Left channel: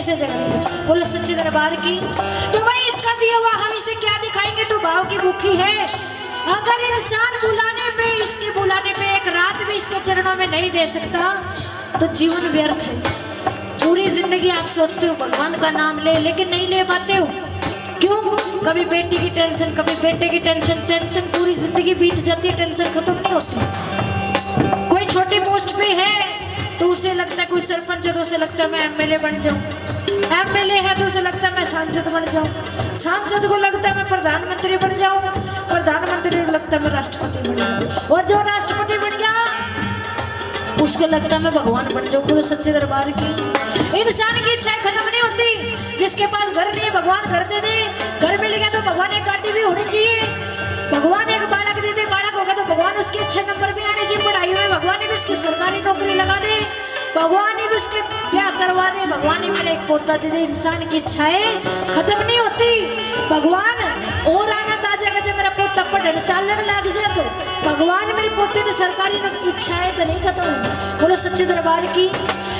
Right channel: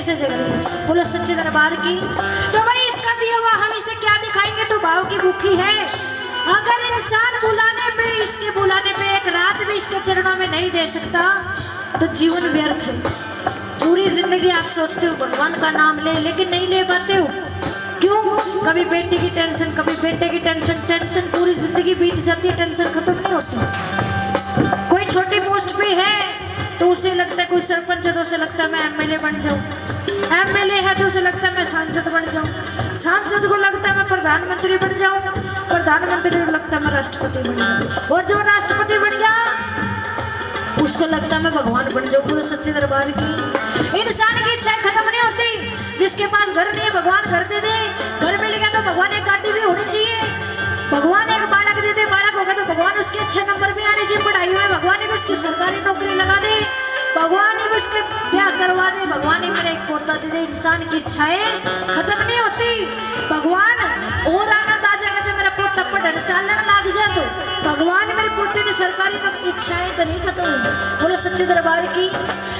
कैसे जगह बोलो सच्चे दरबार की। तो भाई इसका दिया हुआ हम इसे क्या दिखाएंगे, तो भाव की भूखी है। अगर इंसान बुलाने पे, इसके बुलाने पे एक रात भी इसके चरणों में नहीं दे सकता तो जीवन व्यर्थ है। पूरी जिंदगी आप सोचते हो भगवान का नाम ले, लेकिन नहीं ले पाते हो। क्यों? कभी बेटी की टेंशन, कभी बेटे की टेंशन, टेंशन पूरी जिंदगी बीत जाती है, टेंशन खत्म नहीं होती। कोई छोटी पोस्ट पे है तो उसे लगता है, कोई सरपंच है तो उसे लगता है मैं एमएलए बन जाऊं, एमएलए है तो उसे लगता है मैं सांसद बन जाऊं, सांसद को लगता है मैं प्रधानमंत्री बन जाऊं, प्रधानमंत्री को लगता है मैं राष्ट्रपति बन जाऊं, और जो राष्ट्रपति बन गया उसको लगता है मैं भगवान बन जाऊं। पूरे सच्चे दरबार की। इंसान की इच्छाएं खत्म नहीं होती। जिसके पास घर नहीं है भगवान घर दे दे, घर मिल गया तो भगवान एक गाड़ी भी होनी चाहिए, भगवान एक बालक दे दे, बालक होगा तो भगवान उसके अच्छे नंबर भी आने चाहिए पढ़ाई में, भगवान एक उसकी सरकारी नौकरी लगा दे, भगवान एक उसके ब्याह करवा दे, भगवान एक मेरा एक पोता दे दे। इंसान की इच्छाएं खत्म नहीं होती। भगवान और आनंद आ जाएगा जब मेरा पोता पढ़ने चालने लग जाए, तो भगवान मेरे पोते की सरकारी इच्छाएं तो नहीं खत्म होंगी। बोलो सच्चे दरबार की।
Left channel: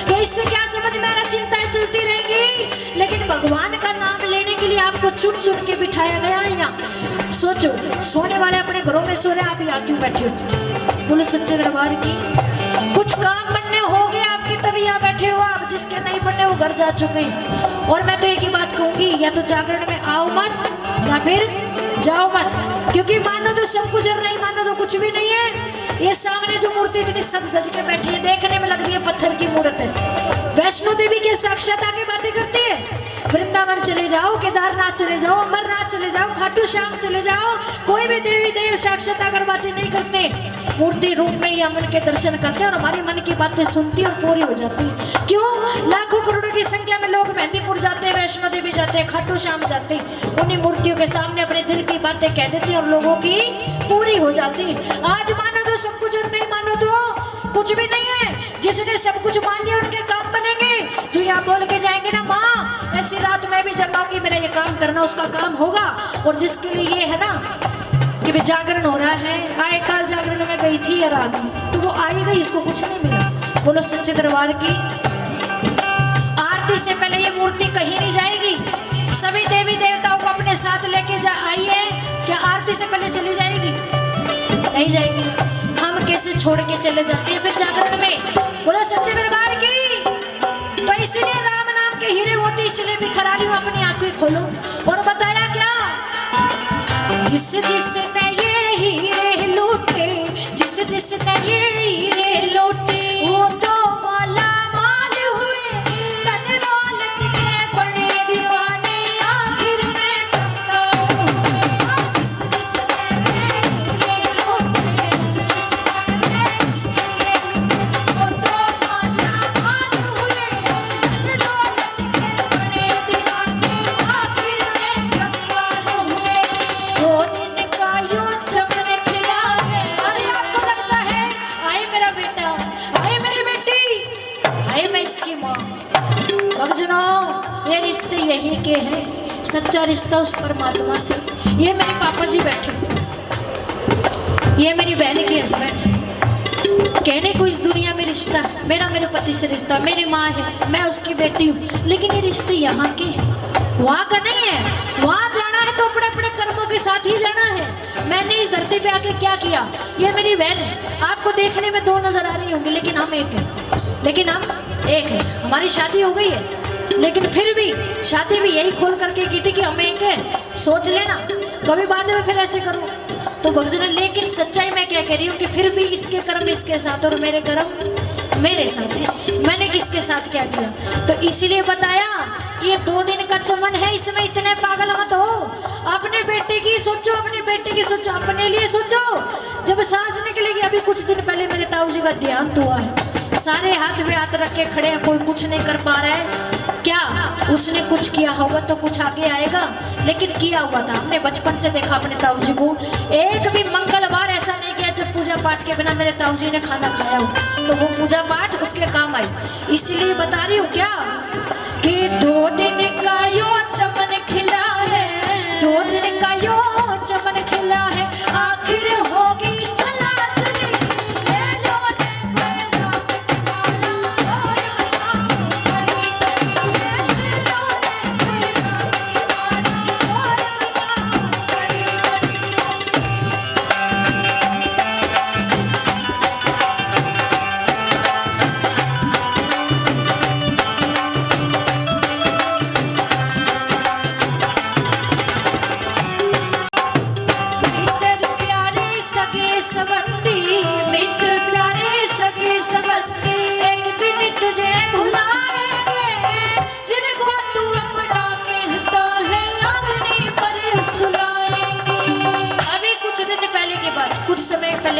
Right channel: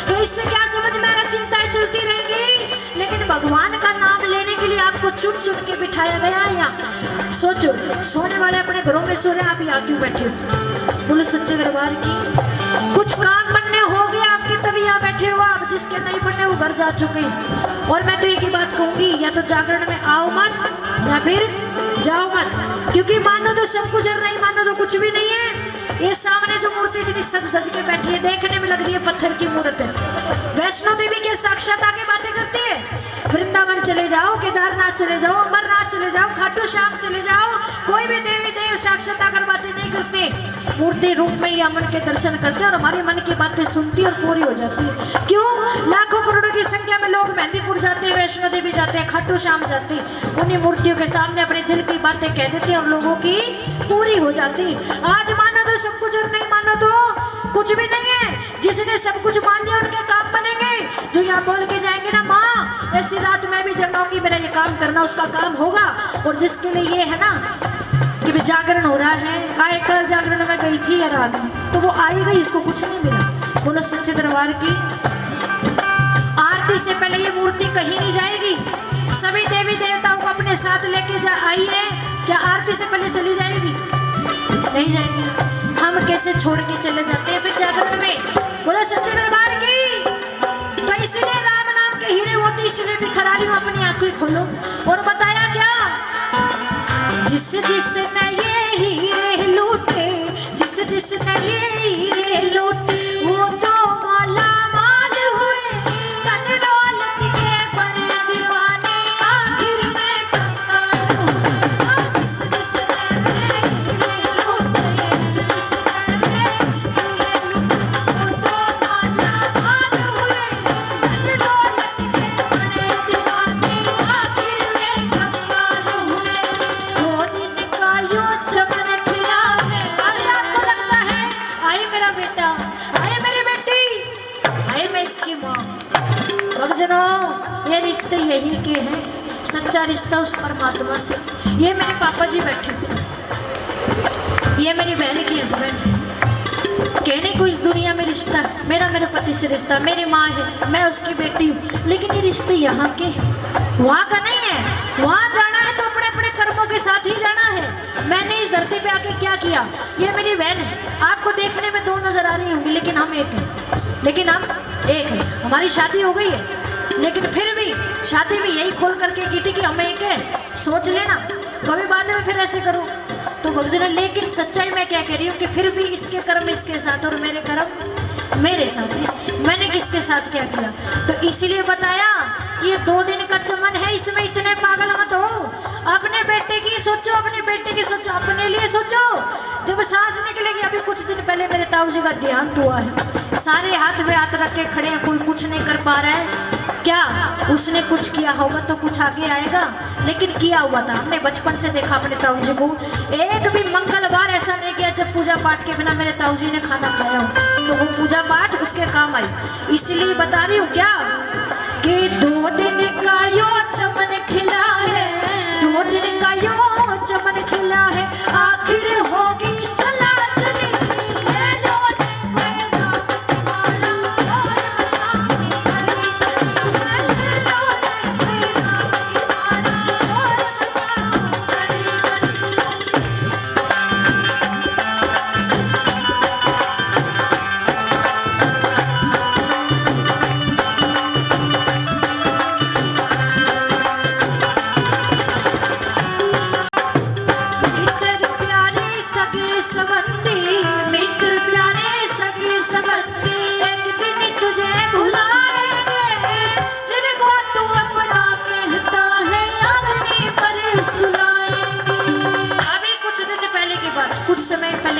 तो इससे क्या समझ में आ रहा, चिंताएं चलती रहेंगी, लेकिन भगवान का नाम लेने के लिए आपको चुन चुन के बिठाया गया है यहाँ। सोचो, सोने वाले अपने घरों में सो रहे, आप यहाँ क्यों बैठे हो? बोलो सच्चे दरबार की। कुछ काम बनने हो गए आपके तभी यहाँ बैठे हो आप, जिसके नहीं बनने वो घर जा चुके। और मैं तो एक ही बात कहूंगी, या तो जागरण में आओ मत या फिर जाओ मत, क्योंकि मानो तो सब कुछ और नहीं मानो तो कुछ भी नहीं है। ये सामने जो मूर्ति इतनी सज सज के बैठी है, देखने में लग रही है पत्थर की मूर्त है। वैष्णो देवी के साक्षात आके बातें करती है। वृंदावन चले जाओ, केदारनाथ चले जाओ, अमरनाथ चले जाओ, खाटू श्याम चले जाओ, कोई भी देवी देव साक्षात आकर बातें नहीं करते, मूर्ति रूप में ही मन के दर्शन करते और हमारी मन की बातें सुनती और पूरी हो जाती है। क्यों? लाखों करोड़ों की संख्या में लोग मेहंदीपुर जाते हैं, वैष्णो देवी जाते हैं, खाटू श्याम जाते हैं, उन्हीं मूर्तियों के सामने अपने दिल की बातें कह देते हैं और लोगों की पूरी हो जाती है। आज मानो तो सब कुछ और नहीं मानो तो कुछ भी नहीं है। जिसने सब कुछ मान लिया उनके काम बनेंगे। जो यहाँ बोल के जाएंगे ना माँ ऐसी रात में भी जगाऊंगी, मेरा ये काम करना, उसका काम होगा। और जिसके लिए ये है ना कि भी जागरण हो रहा है, आए कल जागरण में गई थी या रात, तो वो आई गई, इसको कुछ नहीं मिला। बोलो सच्चे दरबार की। आरती से पहले ये मूर्ति कहीं नहीं जाएगी। सभी देवी देवताओं को अपने साथ लेके जा आई है, क्या आरती से पहले चली जाएगी? नहीं जाएगी। हम कैसे छोड़ के चले जाते हैं फिर जागरण में? बोलो सच्चे दरबार की। तो इसीलिए राम नाम के हीरे होते, इसलिए बिखरा रही हूँ, अपनी आंखें खोलो। और बताया क्या, जिस जिसने ये हीरे लूटे, जिस जिसने ये हीरे लूटे, वो तो माला माल हुए, तन दौलत के बने दीवाने, आखिर में कंगाल हुए। जिस जिसने ये हीरे लूटे, जिस जिसने ये हीरे लूटे, वो तो माला माल हुए, तन दौलत के बने दीवाने, आखिर में कंगाल हुए। वो दिन का यूं चमन खिला है। अरे आपको लगता है आए मेरा बेटा, आए मेरी बेटी, आए मैं इसकी माँ। भक्तजनों, ये रिश्ते यही के हैं, सच्चा रिश्ता उस परमात्मा से। ये मेरे पापा जी बैठे, ये मेरी बहन की हस्बैंड। कहने को इस दुनिया में रिश्ता मेरा मेरे पति से रिश्ता, मेरी माँ है, मैं उसकी बेटी हूँ, लेकिन ये रिश्ते यहाँ के हैं, वहाँ का नहीं है। वहाँ जाना है तो अपने अपने कर्मों के साथ ही जाना है। मैंने इस धरती पे आके क्या किया? ये मेरी बहन है, आपको देखने में दो नजर आ रही होंगी, लेकिन हम एक हैं, लेकिन हम एक हैं। हमारी शादी हो गई है, लेकिन फिर भी शादी भी यही खोल करके की थी कि हम एक हैं। सोच लेना कभी बाद में फिर ऐसे करो तो भगजन। लेकिन सच्चाई में क्या कह रही हूँ कि फिर भी इसके कर्म इसके साथ और मेरे कर्म मेरे साथ है। मैंने किसके साथ क्या किया? तो इसीलिए बताया कि ये 2 दिन का चमन है, इसमें इतने पागल मत हो। अपने बेटे की सोचो, अपने बेटे की सोचो, अपने लिए सोचो। जब सांस निकलेगी, अभी कुछ दिन पहले मेरे ताऊ जी का देहांत हुआ है, सारे हाथ में हाथ रख के खड़े हैं, कोई कुछ नहीं कर पा रहा है। क्या उसने कुछ किया होगा तो कुछ आगे आएगा, लेकिन किया हुआ था। हमने बचपन से देखा अपने ताऊ जी को, एक भी मंगलवार ऐसा नहीं किया जब पूजा पाठ के बिना मेरे ताऊ जी ने खाना खाया हो, तो वो पूजा पाठ उसके काम आई। इसीलिए बता रही हूँ क्या कि 2 दिन का यो चमन खिला है, 2 दिन का यो चमन खिला है, आखिर होगी चला चली।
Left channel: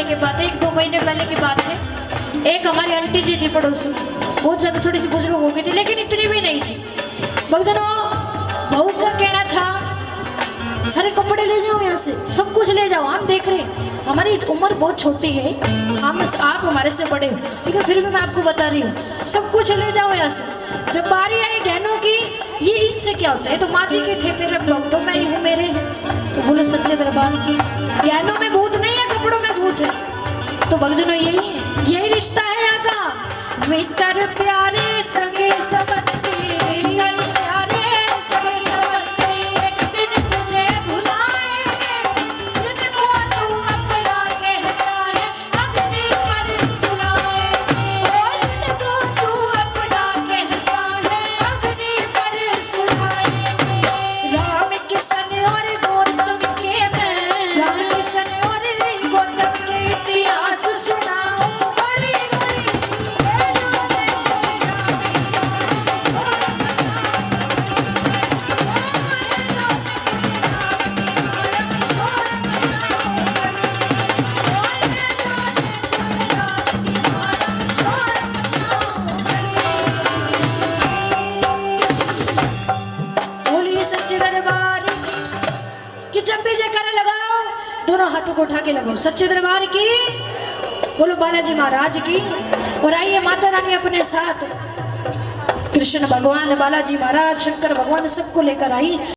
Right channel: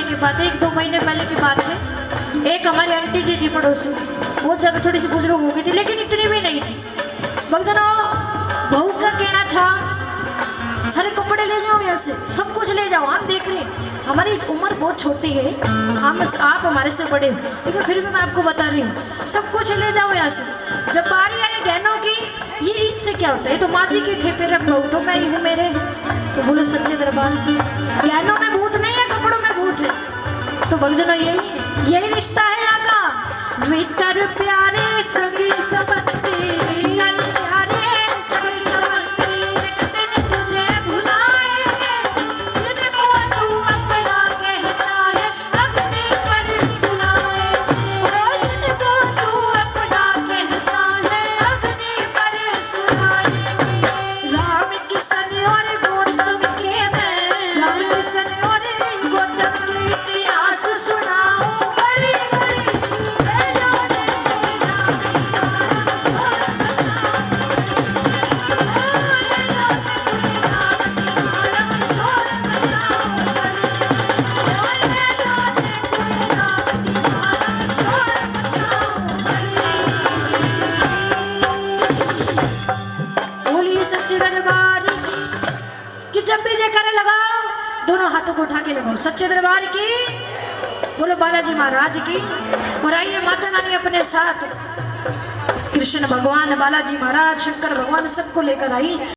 पहले की बात है, 1-2 महीने पहले की बात है। एक हमारी आंटी जी थी पड़ोसी, बहुत ज़्यादा थोड़ी सी बुजुर्ग हो गई थी, लेकिन इतनी भी नहीं थी। भक्तों, बहू का कहना था सारे कपड़े ले जाओ यहाँ से, सब कुछ ले जाओ, हम देख रहे हैं हमारी उम्र बहुत छोटी है, आप हमारे से बड़े हो, लेकिन फिर भी मैं आपको बता रही हूँ सब कुछ ले जाओ यहाँ से। जब बारी आई गहनों की, ये इनसे क्या होता है, तो माँ जी के थे, फिर बहू तो मैं ही हूँ, मेरे हैं। तो बोलो सच्चे दरबार की, गहनों में भूत नहीं है, कपड़ों में भूत है। तो भक्तों यही रिश्ता है आगा, मित्र प्यारे सगे सबंती, हाथों को उठा के लगाओ सच्चे दरबार की, बोलो बालाजी महाराज की। और आइए माता रानी अपने साथ कृष्ण भगवान, बालाजी महाराज, शंकर भगवान सबको लेकर आई।